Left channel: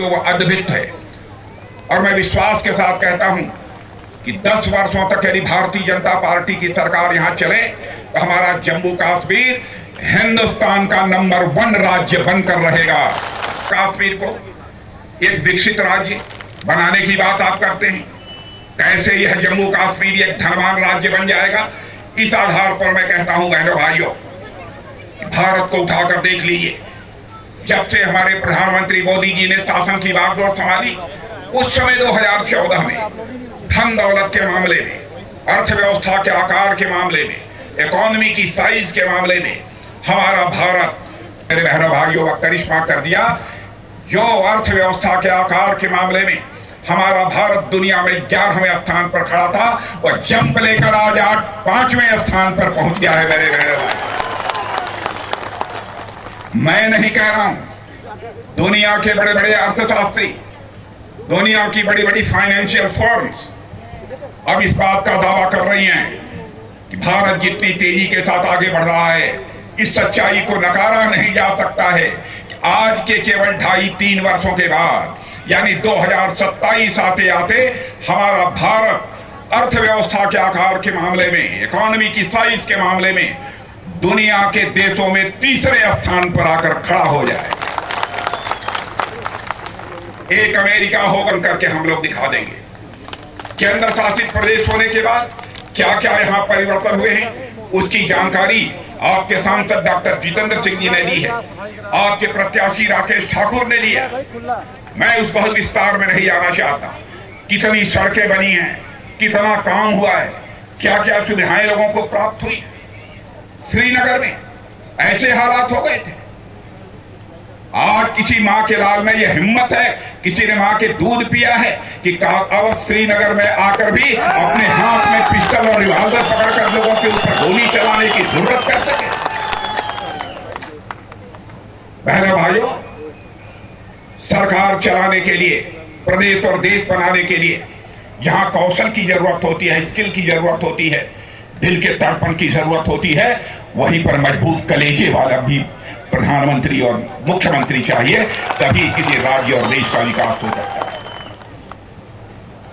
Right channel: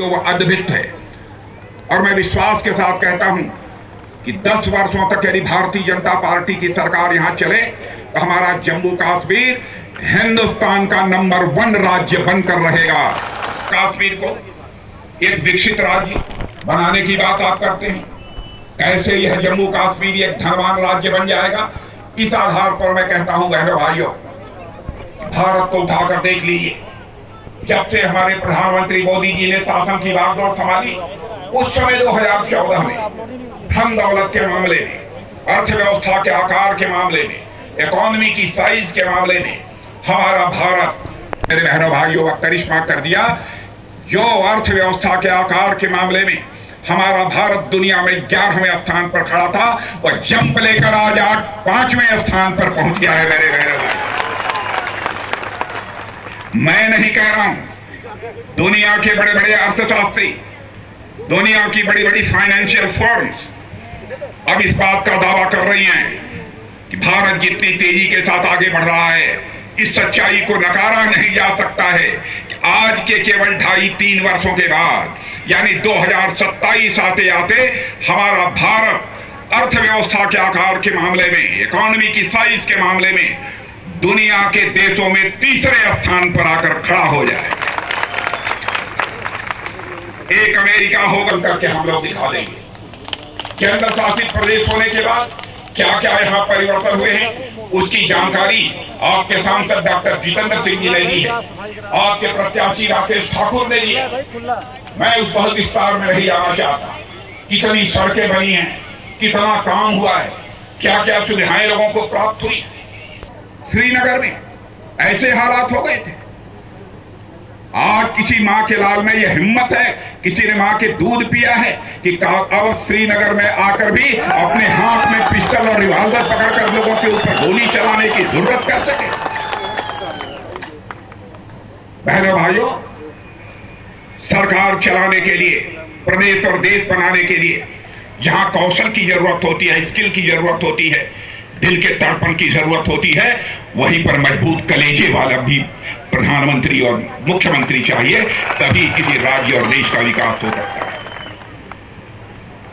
वो अद्भुत है। और मैं विश्वास के साथ कहता हूं कि 10 वर्षों तक यदि भारतीय जनता पार्टी की सरकार यहां चले तो हमारा जम्मू कश्मीर हिंदुस्तान का नंबर 1 राज्य बनकर रहेगा। कश्मीर को एक विकसित राज्य बनाने की बात आप करते हैं, कैसे यह जम्मू कश्मीर एक धनवान राज्य बन जाएगा? इस आधार पर मैं कहता हूं बहनों भाइयों, भारत को उठाकर देख लीजिए। जब से हमारे प्रधानमंत्री मोदी जी ने शासन की बागडोर संभाली, उस समय 2014 में धन दौलत के मामले में, अर्थव्यवस्था के आकार के मामले में, इकोनॉमी की साइज के मामले में हमारा भारत मेरे बहनों भाइयों करिश्मा कर दिया। जो अर्थव्यवस्था के आकार के मामले में हमारा भारत दुनिया में 11वें स्थान पर खड़ा था, वह जंप लेकर आज 5वें स्थान पर पहुंच गया है मेरे बहनों भाई। मैं नहीं कह रहा हूं, दुनिया के बड़े बड़े अर्थशास्त्री, दुनिया की बड़ी बड़ी फाइनेंशियल फर्म्स अब इस बात का दावा कर रही हैं कि भारत जितनी तेजी के साथ आगे बढ़ रहा है, इस सच्चाई को नकारा नहीं जा सकता है कि आज के केवल 2.5-3 वर्षों के बाद यानी 2027 आते आते हमारा भारत अर्थव्यवस्था के आकार के मामले में, इकोनॉमी की साइज के मामले में दुनिया के देशों में 3रे स्थान पर आकर खड़ा हो जाए। एक अमेरिका होकर करके हम लोग दिखा देंगे। केंद्र शासित प्रदेश होने के बाद क्या क्या यहां परिवर्तन हुए हैं, उसकी जानकारी आपके सांसद डॉक्टर जितेंद्र सिंह जी ने ली है, आपके प्रत्याशी राकेश ठाकुर ने लिया। मैं उस बहुत विस्तार में नहीं आना चाहता। कितनी सड़कें बनी हैं, कितना काम हुआ है, क्या क्या सुविधाएं लोगों को प्राप्त हुई। श्रीनगर में ऐसे हालात हो गए थे, आज किसी मां के लाल में यह हिम्मत है, किसी ने मां के दूध पिया है कि अब श्रीनगर में आकर भी अपने हाथ में पिस्टल और रिवॉल्वर पकड़कर लोगों के ऊपर गोली चलाने की जरूरत कर सके। बहनों भाइयों, सरकार चलाने के लिए, प्रदेश और देश बनाने के लिए जहां कौशल की जरूरत होती है, स्किल की जरूरत होती है, दिल के तड़पण की जरूरत होती है, वहीं पर मजबूत कलेजे वाला भी प्रधानमंत्री और मुख्यमंत्री चाहिए, तभी किसी राज्य और देश का विकास हो सकता है।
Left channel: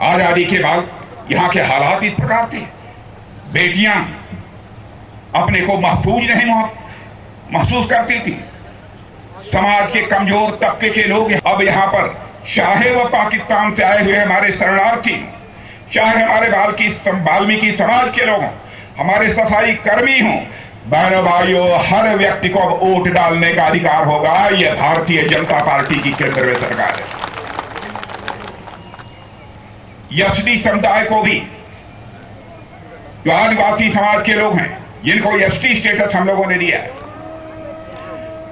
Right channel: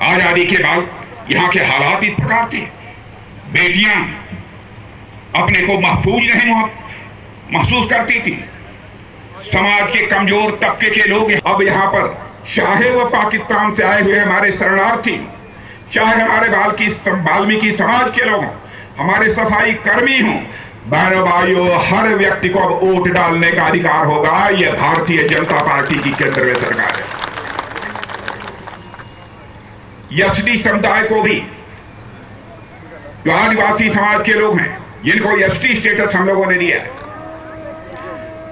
आजादी के बाद यहां के हालात इस प्रकार थे, बेटियां अपने को महफूज नहीं महसूस करती थी। समाज के कमजोर तबके के लोग अब यहां पर, चाहे वह पाकिस्तान से आए हुए हमारे शरणार्थी, चाहे हमारे वाल्मीकि समाज के लोग हों, हमारे सफाई कर्मी हों, बहनों भाइयों, हर व्यक्ति को अब वोट डालने का अधिकार होगा। यह भारतीय जनता पार्टी की केंद्र में सरकार है। एसटी समुदाय को भी, जो आदिवासी समाज के लोग हैं, जिनको एसटी स्टेटस हम लोगों ने दिया है,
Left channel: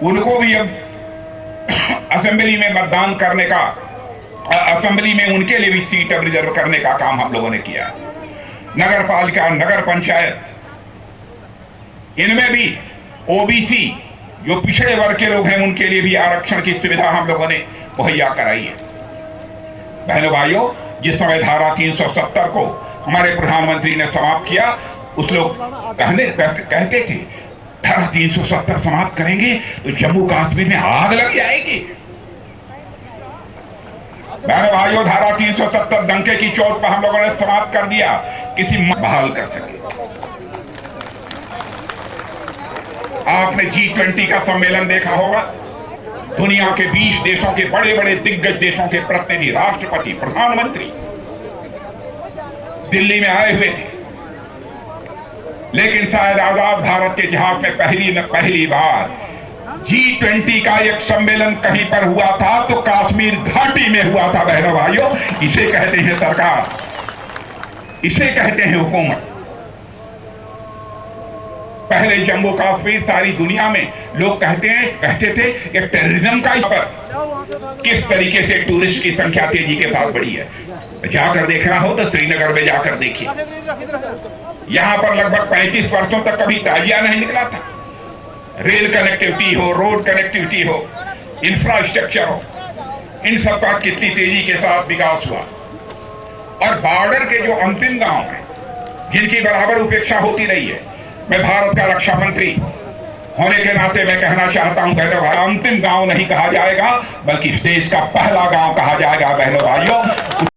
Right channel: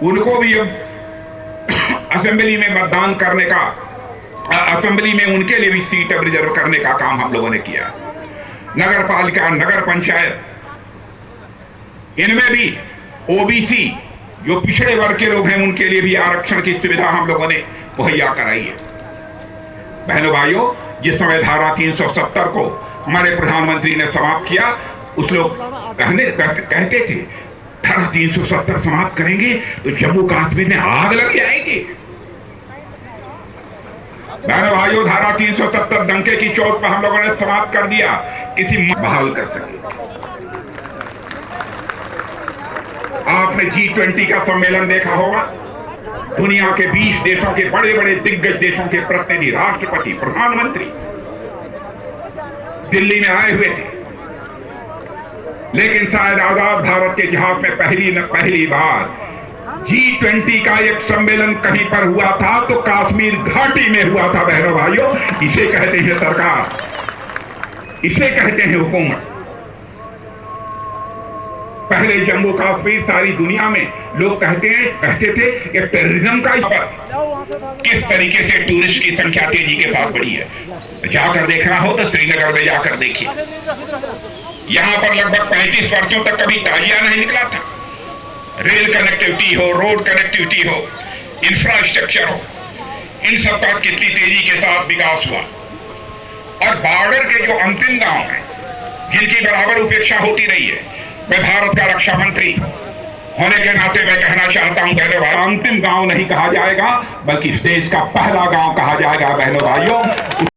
उनको भी अब असेंबली में मतदान करने का, असेंबली में उनके लिए भी सीट अब रिजर्व करने का काम हम लोगों ने किया। नगर पालिका, नगर पंचायत, इनमें भी ओबीसी जो पिछड़े वर्ग के लोग हैं, उनके लिए भी आरक्षण की सुविधा हम लोगों ने मुहैया कराई है। बहनों भाइयों, जिस समय धारा 370 को हमारे प्रधानमंत्री ने समाप्त किया, उस लोग कहते थे धारा 370 समाप्त करेंगे तो जम्मू कश्मीर में आग लग जाएगी। बहनों भाइयों, धारा 370 डंके की चोट पर हम लोगों ने समाप्त कर दिया, किसी बहाल कर सके। आपने G20 का सम्मेलन देखा होगा, दुनिया के 20 देशों के बड़े बड़े दिग्गज देशों के प्रतिनिधि, राष्ट्रपति, प्रधानमंत्री दिल्ली में आए हुए थे, लेकिन शायद आजाद भारत के इतिहास में पहली बार G20 का एक सम्मेलन कहीं पर हुआ था तो कश्मीर घाटी में हुआ था। बहनों भाइयों, इसे कहते हैं सरकार, इसे कहते हैं हुकूमत। पहले जम्मू कश्मीर सारी दुनिया में लोग कहते थे कि टेररिज्म का किस तरीके से टूरिस्ट की संख्या तेजी के साथ बढ़ी है। जाकर देखना हो तो श्रीनगर में जाकर देखिए, यहां पर लगभग 35 वर्षों तक कभी ताजिया नहीं निकला था। रेल कनेक्टिविटी हो, रोड कनेक्टिविटी हो, इंफ्रास्ट्रक्चर हो, इन सब का कितनी तेजी के साथ विकास हुआ। और बॉर्डर के जो अंतिम गांव हैं, जिनकी बराबर उपेक्षा होती रही है, मैं भारत का रक्षा मंत्री होने के नाते मैं कहना चाहता हूं बहनों भाई, अंतिम गांव नहीं कहा जाएगा बल्कि इस देश का पहला गांव कहा जाएगा बहनों भाइयों।